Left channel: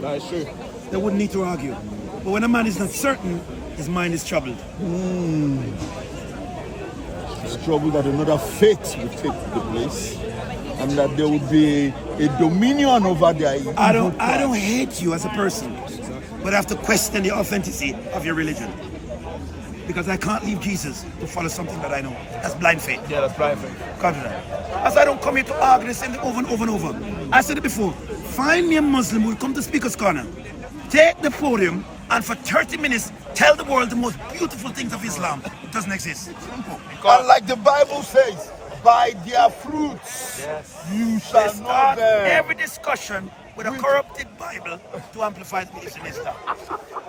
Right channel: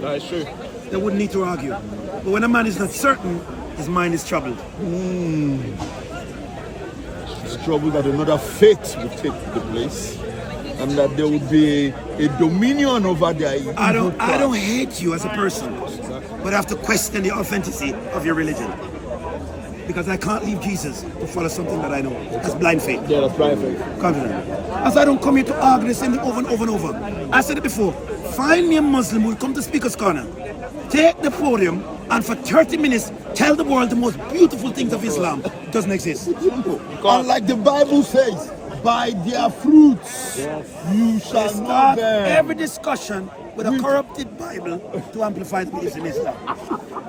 That is true. They wouldn't need to argue. But when a man is not certain, his mind is troubled. It's trouble that another faith will take the place, and that there will be a dominion over their. I don't hate you as a person, but I have to question the authenticity of your religion. Because I can't leave Jesus to follow something that I know. That's blind faith. Yeah, that's blind faith. Can't do that. As I don't come here to argue the same thing over and over and over. I said it before. Find me a Muslim who will come to Speaker's Corner, take the podium, and for 30 minutes tell the world the most beautiful things of Islam. It doesn't exist. Simple. And like the Bible says, by their fruits you shall know Start them. every discussion with a corrupted Bible to amplify the beliefs in Islam.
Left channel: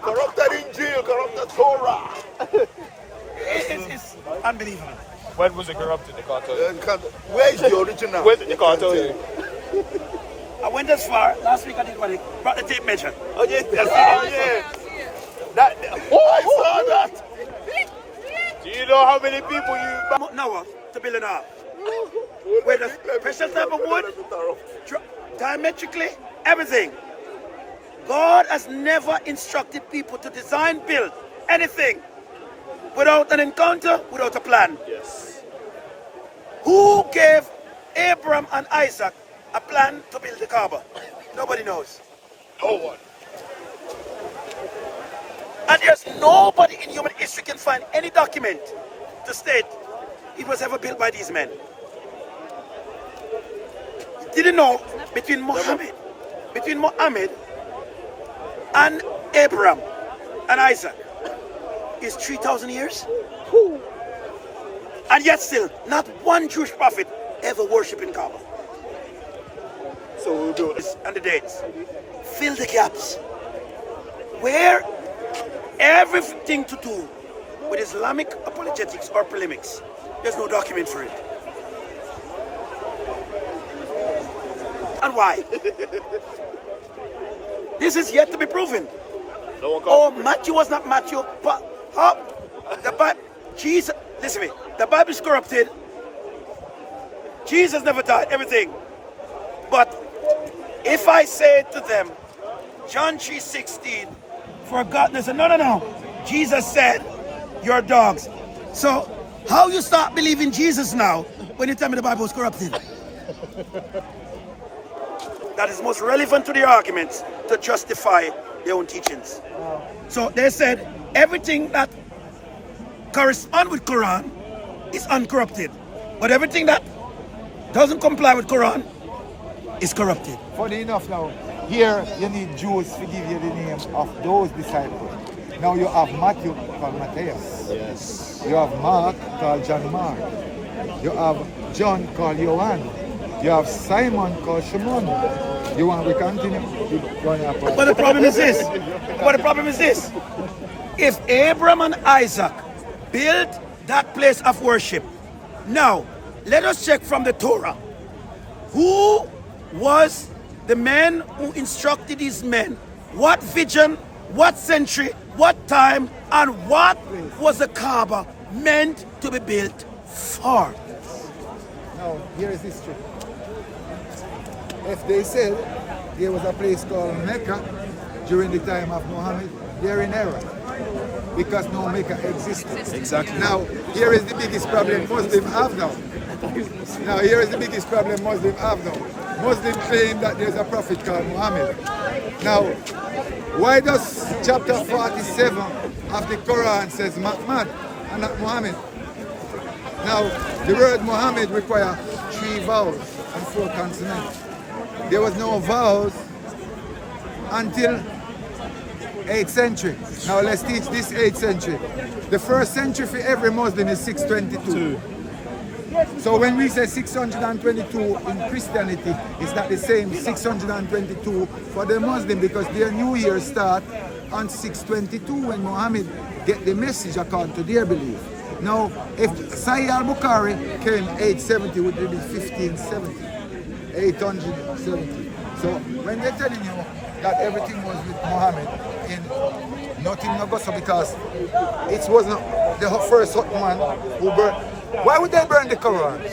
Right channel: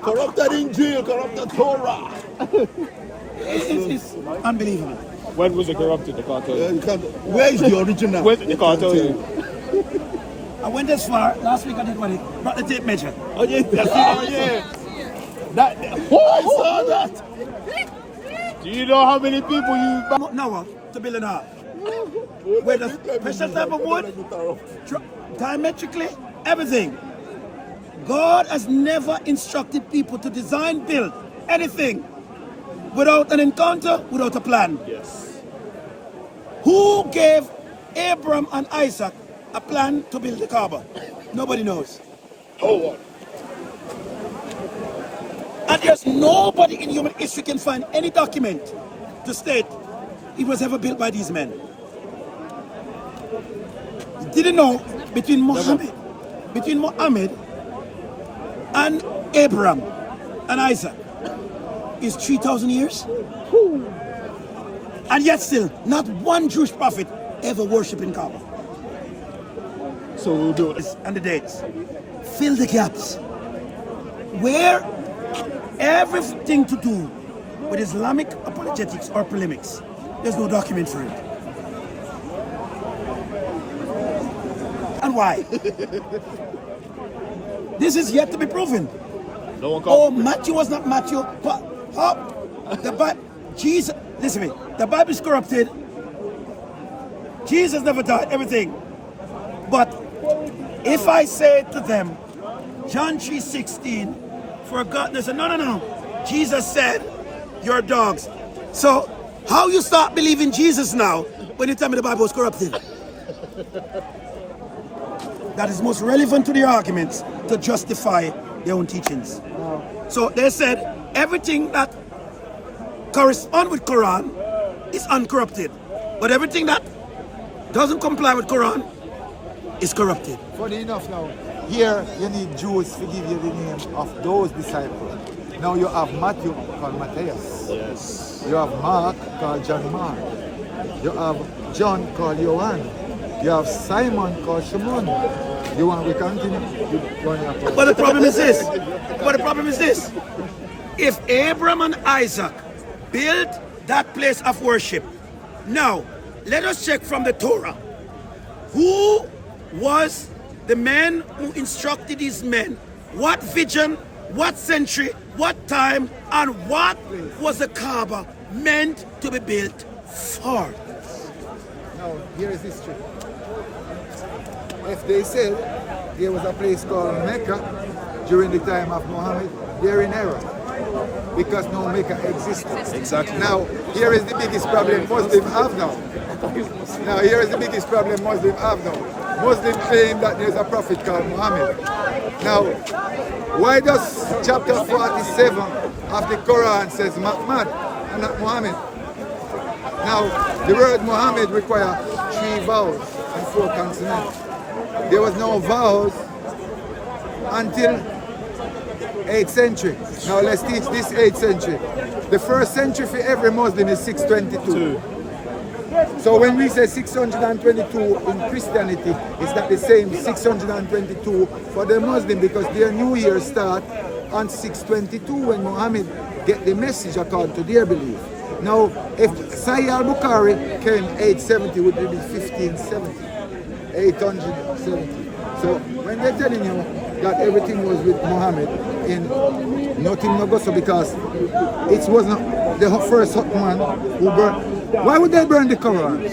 Corrupted Injil, corrupted Torah. It's unbelievable. When was it corrupted? They can't tell you. Where is the original? They can't tell you. I went as far. Last week I did what? I brought the tape measure. Oh yeah, I saw that. You know how many people you... Noah to build an ark. With a special type of wood, diametrically, everything. God has never instructed people to design, build anything without an encounter, without a plan. Who gave Abraham and Isaac a plan to build the Kaaba? Nobody knows. Oh what? And there's nobody in human history can find any document to state it was ever built by these men. You didn't know between Muhammad and Abraham and Isaac is 3,000 years? And yet still, not one Jewish prophet ever worshipped in Kaaba. So we'll do this and the dates. Fill the gaps. Where everything to do with Islamic apologetics or polemics, there's no document for it. And why? This is yet to be proven. Oh, Matthew was not Matthew, but how? The Bible, Jesus, listen to me, the Bible is corrupted. Jesus never died, everything. But if I say to them, John 3:16, for God, they say, no. Jesus said, you're dogs. So, how you start believing Jesus now when you tell me the Bible was corrupted? That is most relevant to the arguments to justify their own teachings. So they said everything that corresponds with Quran is uncorrupted, but everything that doesn't comply with Quran is corrupted. Funny enough now, here you need Jews to give you the name of those disciples. Now you have Matthew called Matthias. Yes. You have Mark called John Mark. You have John called Johann. You have Simon called Shimon. You want to continue? But the problem is this. If Abraham and Isaac built that place of worship, now let us check from the Torah. Who was the man who instructed these men? What vision, what century, what time, and what was the Kaaba meant to be built for? Now, here is history. If they said there was a place called Mecca during the time of Muhammad, they're in error. Because no Mecca existed. Exactly. Now, here is the biggest problem Muslims have now. Muslims claim that there's a prophet called Muhammad. Now, why does chapter 47 of the Quran says Muhammad and not Muhammad? Now, the word Muhammad requires 3 vowels and 4 consonants. There was no vowels until 8th century. Now let's teach this 8th century. The first century for every Muslim is 622. So when we say 622 in Christianity, it's not the same 622 for the Muslim, because their new year start on 622 when Muhammad get the message according to their belief. Now, if Sahih al-Bukhari came 870, would it be 1570? 870. So when they're telling you that everything was with Muhammad, in nothing no go so, because it was not the first hot man who burned. Why would they burn the Quran?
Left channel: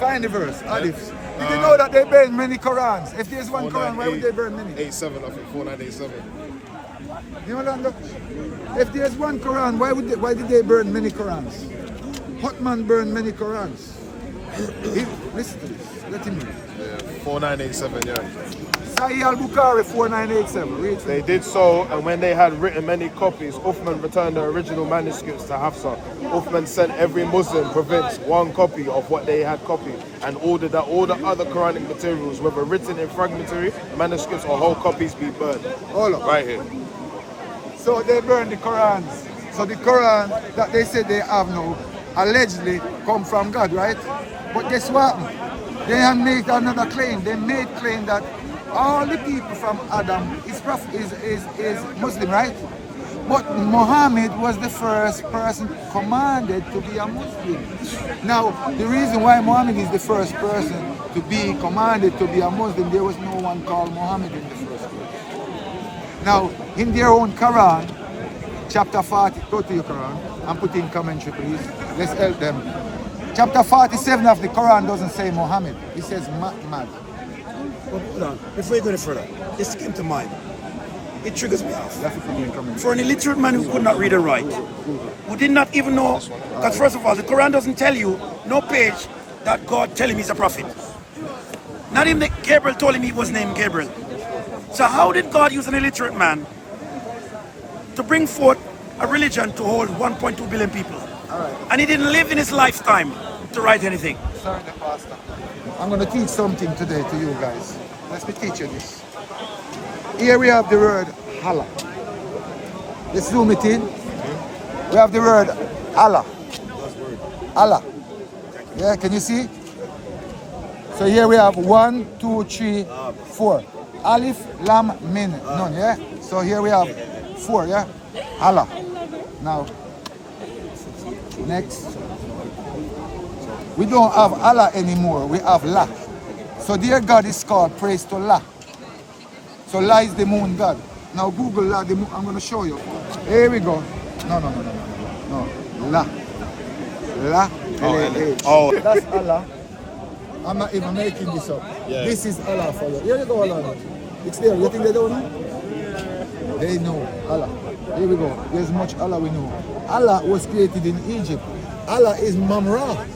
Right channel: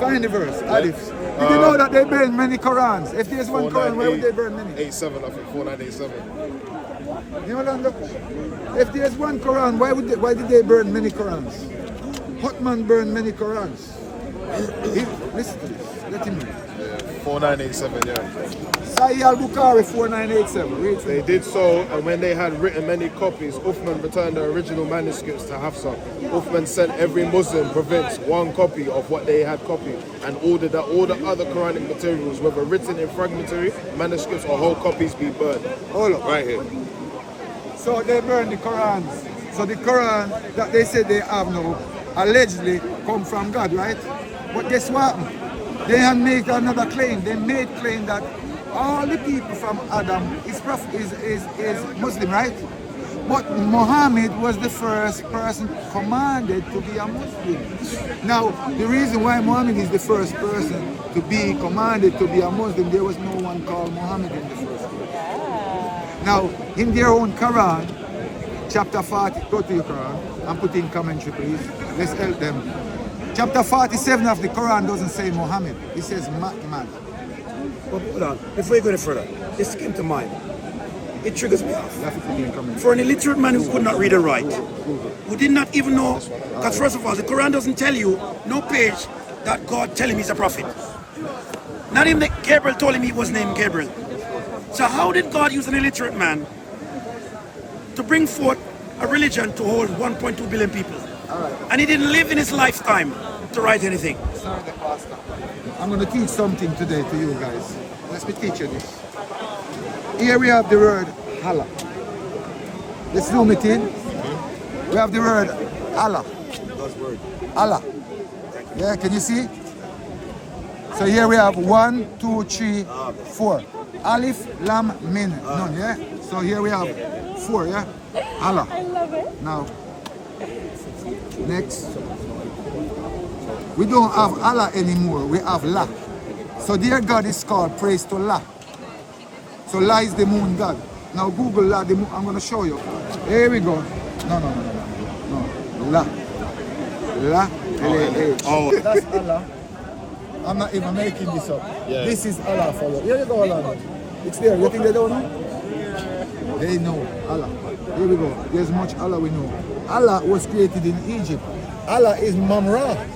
Find the verse, Alif. Did you know that they burn many Qurans? If there's one Quran, why would they burn many? 87, I think 4987. You know, Lando? If there's one Quran, why did they burn many Qurans? Hotman burned many Qurans. Listen to this. Let him know. Yeah, 4987, yeah. Sahih al-Bukhari 4987. Read for They me. did so, and when they had written many copies, Uthman returned the original manuscripts to Hafsa. Uthman sent every Muslim province one copy of what they had copied, and ordered that all the other Quranic materials, whether written in fragmentary manuscripts or whole copies, be burned. Hold on. Right here. So they burned the Qurans. So the Quran that they said they have now allegedly come from God, right? But guess what? They have made another claim. They made claim that all the people from Adam is Muslim, right? But Muhammad was the first person commanded to be a Muslim. Now, the reason why Muhammad is the first person to be commanded to be a Muslim, there was no one called Muhammad in the first place. Now, in their own Quran, chapter 40, go to your Quran and put in commentary, please. Let's help them. Chapter 47 of the Quran doesn't say Muhammad. It says Muhammad. But hold on, before you go any further, this came to mind. It triggers me off. You have to put in commentary. For an illiterate man who could not read and write, who did not even know, because first of all, the Quran doesn't tell you, no page, that God tell him he's a prophet. Not even that Gabriel told him he was named Gabriel. So how did God use an illiterate man to bring forth a religion to hold 1.2 billion people? And he didn't live in his lifetime to write anything. Sorry, the pastor. I'm going to teach something today to you guys. Let me teach you this. Here we have the word Allah. Let's zoom it in. We have the word Allah. Allah. Yeah, can you see? So here we have 1, 2, 3, 4. Alif, Lam, Min. None, yeah? So here we have 4, yeah? Allah. I love it. Now, next. We don't have Allah anymore, we have La. So their God is called praise to La. So La is the moon God. Now Google La, the moon, I'm going to show you. Here we go. No. La. La, L-A-H. Oh. That's Allah. I'm not even making this up. Yeah. This is Allah for you. Here you go, Allah. It's there. You think they don't know? They know Allah. Here we go. There's much Allah we know. Allah was created in Egypt. Allah is Mamra.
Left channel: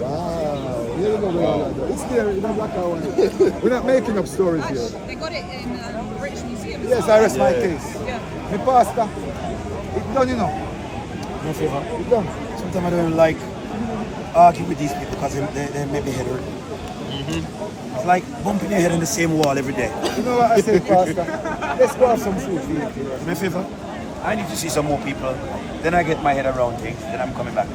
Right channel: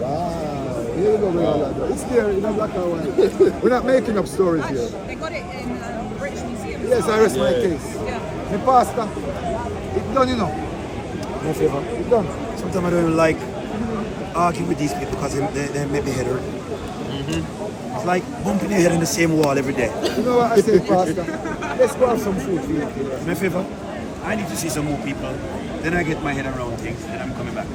Wow. Here we go, brother. It's there in a black and white. We're not making up stories here. They got it in British Museum. Yes, I rest my case. Yeah. The pastor. It's done, you know. No favor. It's done. Sometimes I don't even like arguing with these people because they make me head hurt. It's like bumping your head in the same wall every day. You know what I say, pastor? Let's go have some food for you. My favor, I need to see some more people. Then I get my head around things. Then I'm coming back.